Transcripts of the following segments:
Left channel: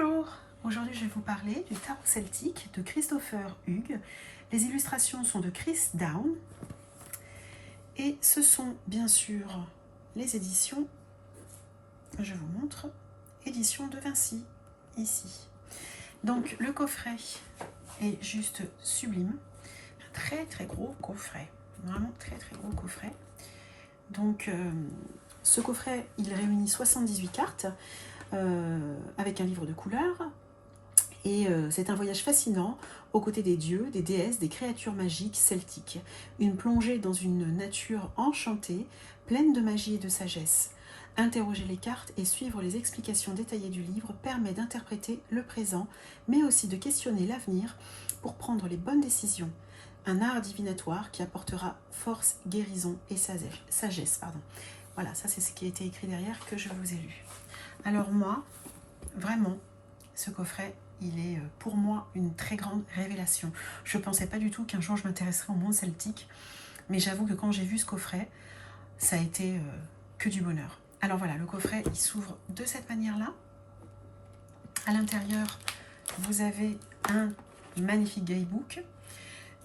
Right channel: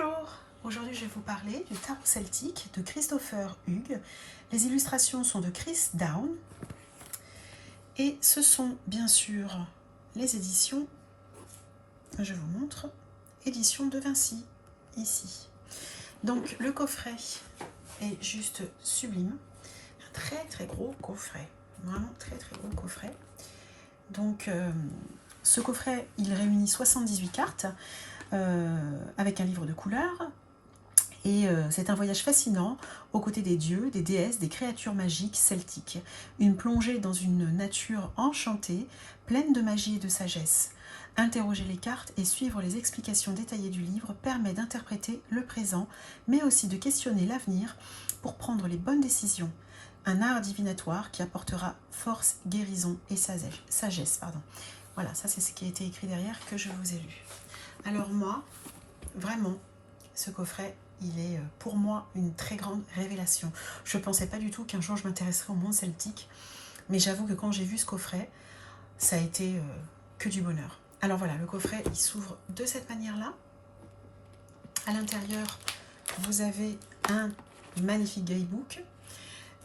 Bonjour, aujourd'hui je vais vous parler du tarot celtique de Christopher Hughes. Les illustrations sont de Chris Down et ce sont bien sûr les éditions, je vous montre, éditions de Vinci, ici. Donc le coffret est juste sublime, un très gros coffret, vraiment très gros coffret. Donc ce coffret il réunit 78 cartes avec un livre de couleurs et c'est un voyage fascinant aux côtés des dieux, des déesses, des créatures magiques celtiques. Une plongée dans une nature enchantée, pleine de magie et de sagesse. Interroger les cartes et suivre les explications détaillées du livre permet d'interpréter le présent, mais aussi de questionner l'avenir pour prendre les bonnes décisions. Un art divinatoire qui apportera force, guérison et sagesse. Voilà, ça c'est ce qui a été écrit derrière que je vous ai lu. Alors moi, vraiment, ce coffret, il est pour moi une très grande révélation. Je ne pensais pas du tout qu'un jour je m'intéresserais au monde celtique, mais j'avoue que quand j'ai vu ce coffret, ça a été que du bonheur. Alors voilà, le coffret, il s'ouvre de cette manière-là. À l'intérieur, vous avez un magnifique guidebook.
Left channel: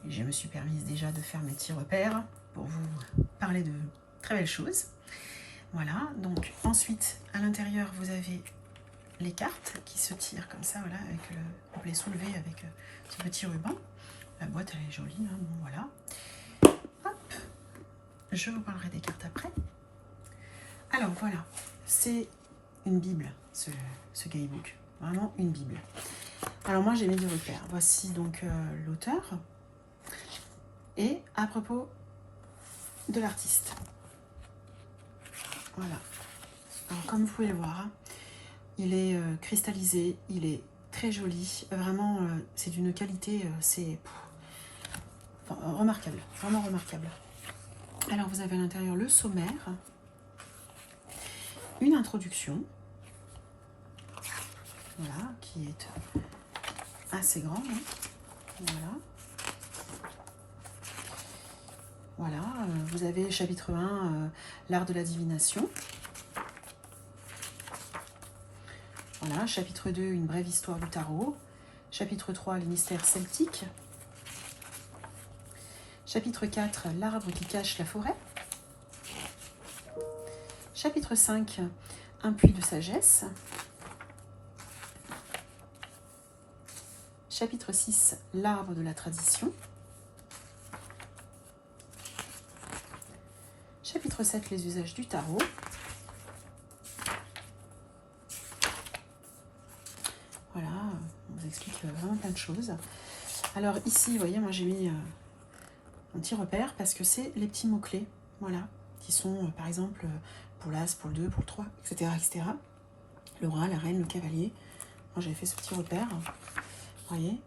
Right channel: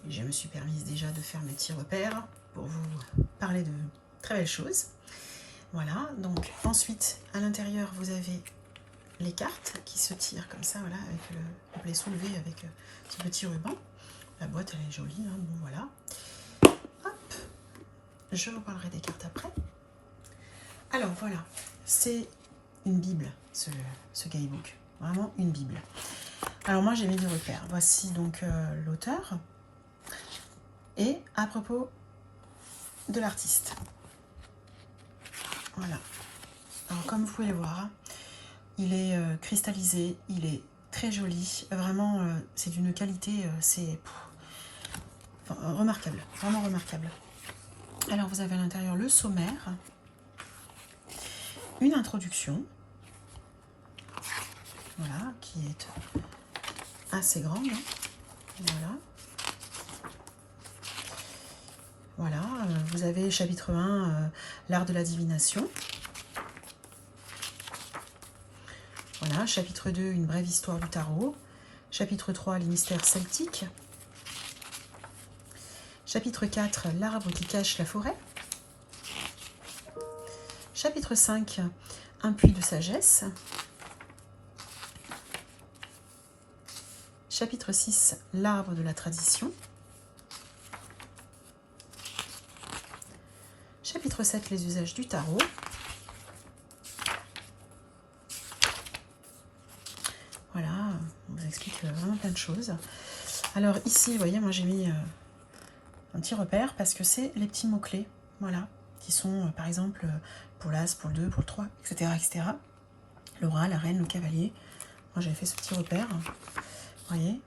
Je me suis permise déjà de faire mes petits repères pour vous parler de très belles choses. Voilà, donc ensuite, à l'intérieur, vous avez les cartes qui se tirent comme ça, voilà, avec on peut les soulever avec ce petit ruban. La boîte, elle est jolie, hein, bon, voilà. Hop, je vous parlerai des cartes après. Alors voilà, c'est une bible, ce guidebook, vraiment une bible. Alors moi, j'ai mis deux repères. Voici donc l'auteur et à propos de l'artiste. Voilà. Alors comme vous pouvez le voir, il est cristallisé, il est très joli. Vraiment, c'est d'une qualité, c'est remarquable, vraiment remarquable. Alors vous avez à l'intérieur le sommaire, une introduction, voilà, qui est assez grande. Voilà, vous avez chapitre 1, l'art de la divination. Voilà, chapitre 2, une brève histoire du tarot. Chapitre 3, les mystères celtiques. Chapitre 4, l'arbre qui cache la forêt. Chapitre 5, un puits de sagesse. Chapitre 6, l'arbre de la tradition. Chapitre 7, les usages du tarot. Voilà, on vous explique vraiment plein de choses. Alors ici, vous voyez, moi j'ai mis un petit repère parce que c'est les petits mots-clés, voilà, qui sont par exemple pour l'as, pour le 2, pour le 3, etc. etc. Le roi, la reine, le cavalier. Moi j'avais fait ce petit repère. Vous voyez,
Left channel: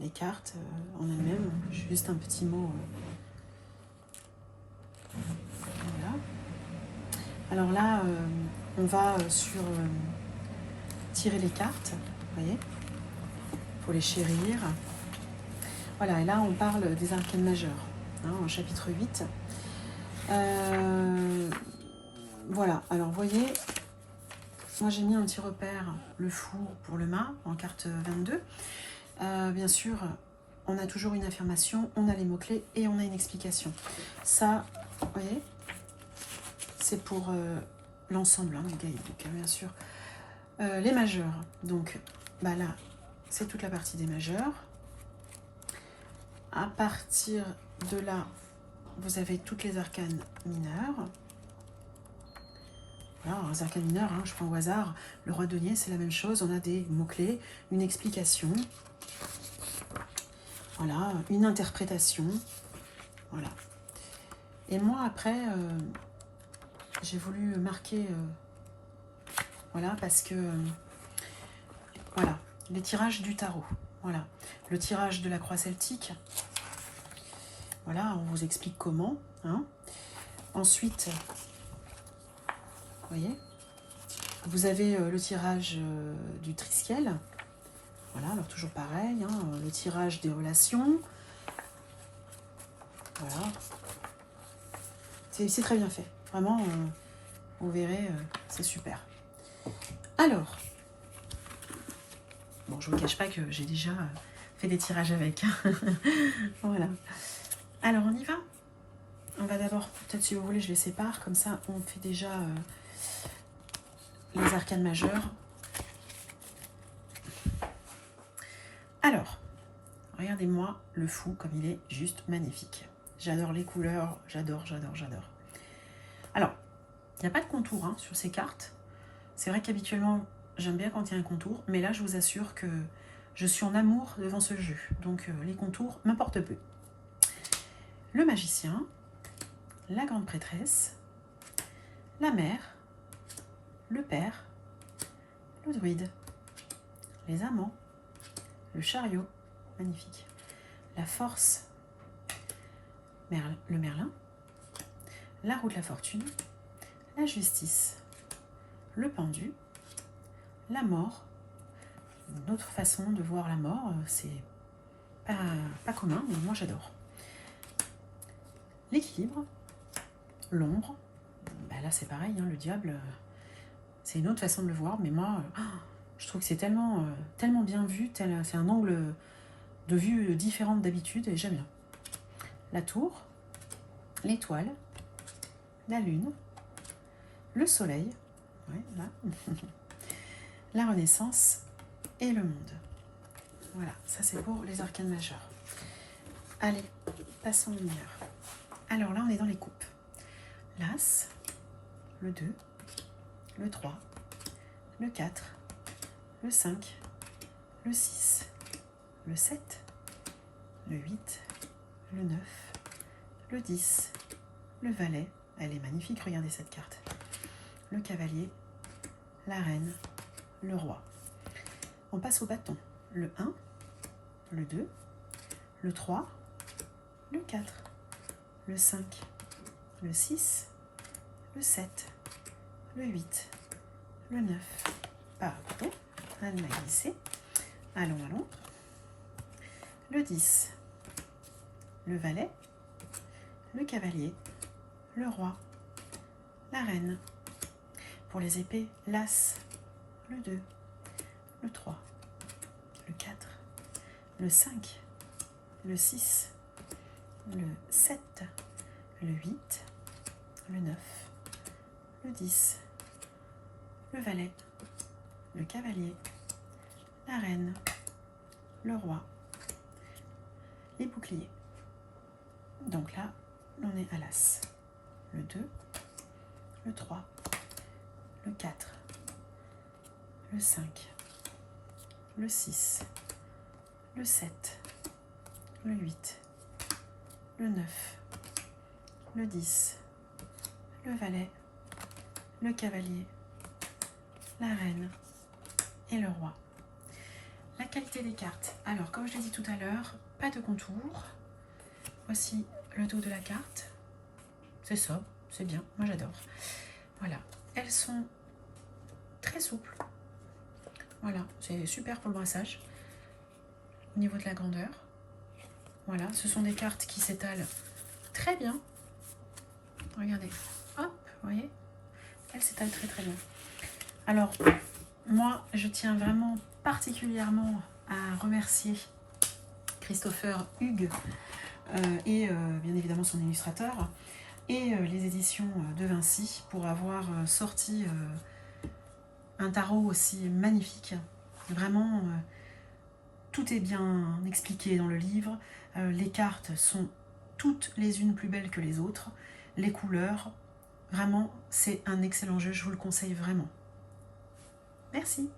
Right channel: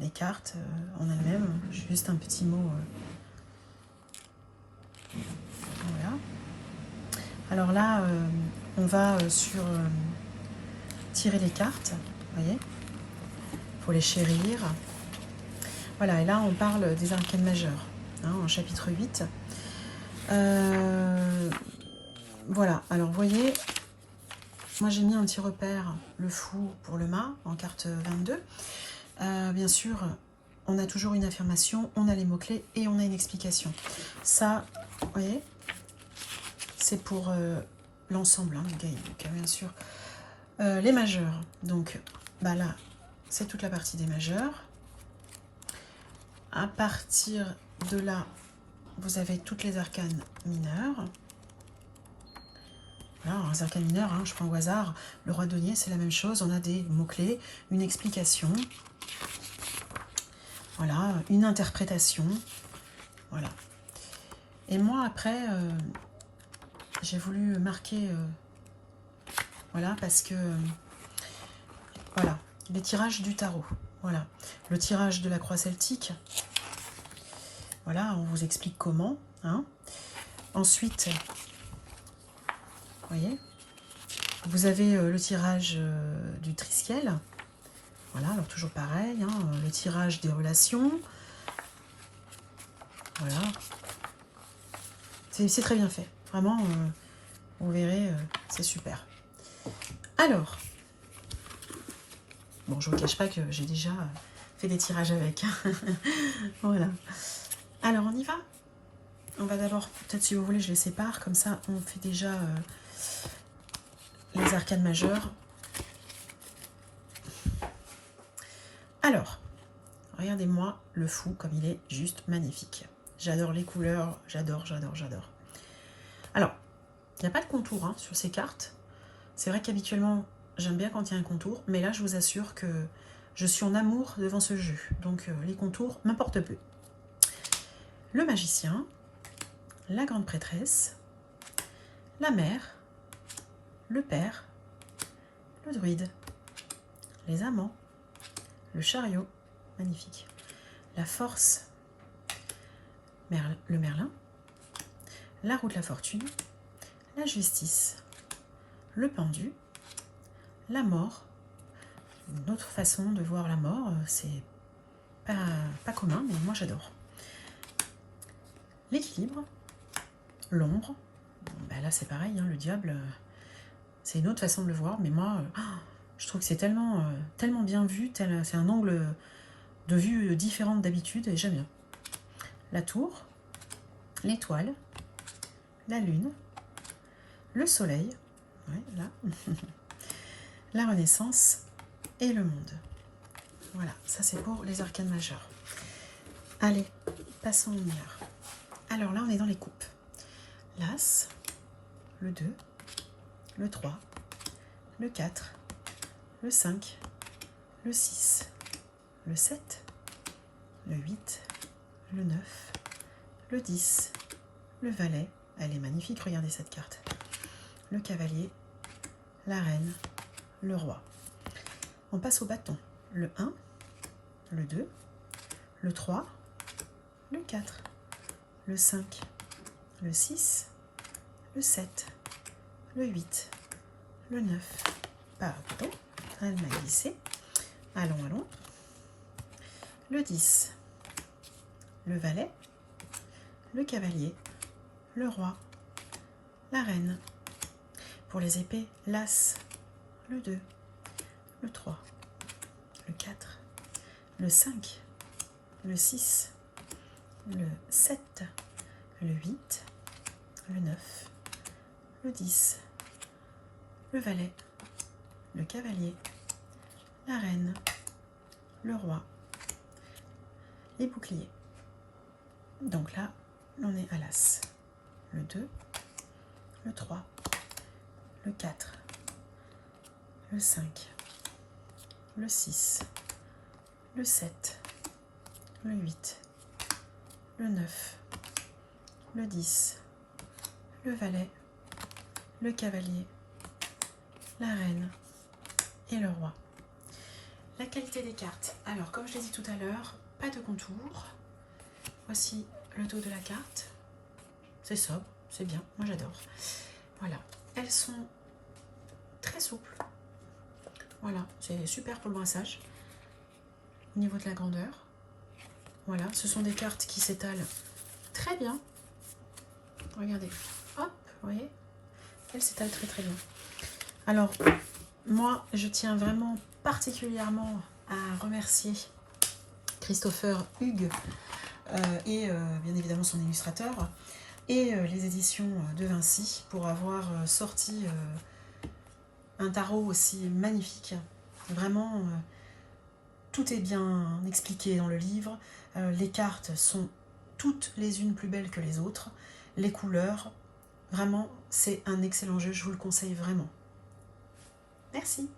les cartes en elles-mêmes, juste un petit mot. Voilà. Alors là, on va sur tirer les cartes, vous voyez, pour les chérir. Voilà, et là on parle des arcanes majeures, hein, en chapitre 8. Voilà, alors vous voyez, moi j'ai mis un petit repère, le fou pour le mât, en carte 22. Bien sûr, on a toujours une affirmation, on a les mots-clés et on a une explication. Ça, vous voyez, c'est pour l'ensemble, hein, du guidebook, bien sûr. Les majeurs, donc bah là, c'est toute la partie des majeurs. À partir de là, vous avez toutes les arcanes mineures. Alors, les arcanes mineures, hein, je prends au hasard. Le roi de denier, c'est la même chose. On a des mots-clés, une explication. Voilà, une interprétation. Voilà. Et moi, après, j'ai voulu marquer... voilà, parce que... voilà, les tirages du tarot. Voilà, le tirage de la croix celtique. Voilà, on vous explique comment. Hein. Ensuite, vous voyez, vous avez le tirage du triskiel. Voilà, alors toujours pareil, hein, le tirage des relations. Voilà. C'est très bien fait. Vraiment, vous verrez, c'est super. Alors, Bon, je ne vous cache pas que j'ai déjà fait des tirages avec. Voilà. Alors, on y va. On va d'abord, peut-être si vous voulez, je les sépare. Comme ça, on fait déjà les arcanes majeures. Alors, regardez-moi le fou comme il est juste magnifique. J'adore les couleurs, j'adore. Alors, il n'y a pas de contour hein, sur ces cartes. C'est vrai qu'habituellement, j'aime bien quand il y a un contour, mais là, je vous assure que je suis en amour devant ce jeu. Donc, les contours m'importent peu. Le magicien, la grande prêtresse, la mère, le père, le druide, les amants, le chariot, magnifique, la force, le merlin, la roue de la fortune, la justice, le pendu, la mort. Une autre façon de voir la mort, c'est pas commun, mais moi j'adore. L'équilibre, l'ombre, ben là c'est pareil, hein, le diable, c'est une autre façon de le voir, mais moi je trouve que c'est tellement bien vu, c'est un angle de vue différent d'habitude et j'aime bien. La tour, l'étoile, la lune, le soleil, ouais, là, la renaissance et le monde. Voilà, ça c'est pour les arcanes majeures. Allez, passons au mineur. Alors là, on est dans les coupes. L'As, le 2, le 3, le 4, le 5, le 6, le 7, le 8, le 9, le 10, le valet. Elle est magnifique, regardez cette carte. Le cavalier, la reine, le roi. On passe au bâton. Le 1, le 2, le 3, le 4, le 5, le 6, le 7, le 8, le 9. Pardon, elle m'a glissé. Allons. Le 10, le valet, le cavalier, le roi, la reine. Pour les épées, l'As, le 2, le 3, le 4, le 5, le 6, le 7, le 8, le 9, le 10, le valet, le cavalier, la reine, le roi, les boucliers. Donc là, on est à l'As. Le 2, le 3, le 4, le 5, le 6, le 7, le 8, le 9, le 10, le valet, le cavalier, la reine et le roi. La qualité des cartes. Alors, comme je l'ai dit tout à l'heure, pas de contour. Voici le dos de la carte. C'est sobre, c'est bien, moi j'adore. Voilà, elles sont très souples. Voilà, c'est super pour le brassage. Au niveau de la grandeur. Voilà, ce sont des cartes qui s'étalent très bien. Regardez, hop, vous voyez, elles s'étalent très bien. Alors, moi, je tiens vraiment particulièrement à remercier Christopher Hugues et bien évidemment son illustrateur et les éditions de Vinci pour avoir sorti un tarot aussi magnifique. Vraiment, tout est bien expliqué dans le livre. Les cartes sont toutes les unes plus belles que les autres. Les couleurs, vraiment, c'est un excellent jeu, je vous le conseille vraiment. Merci.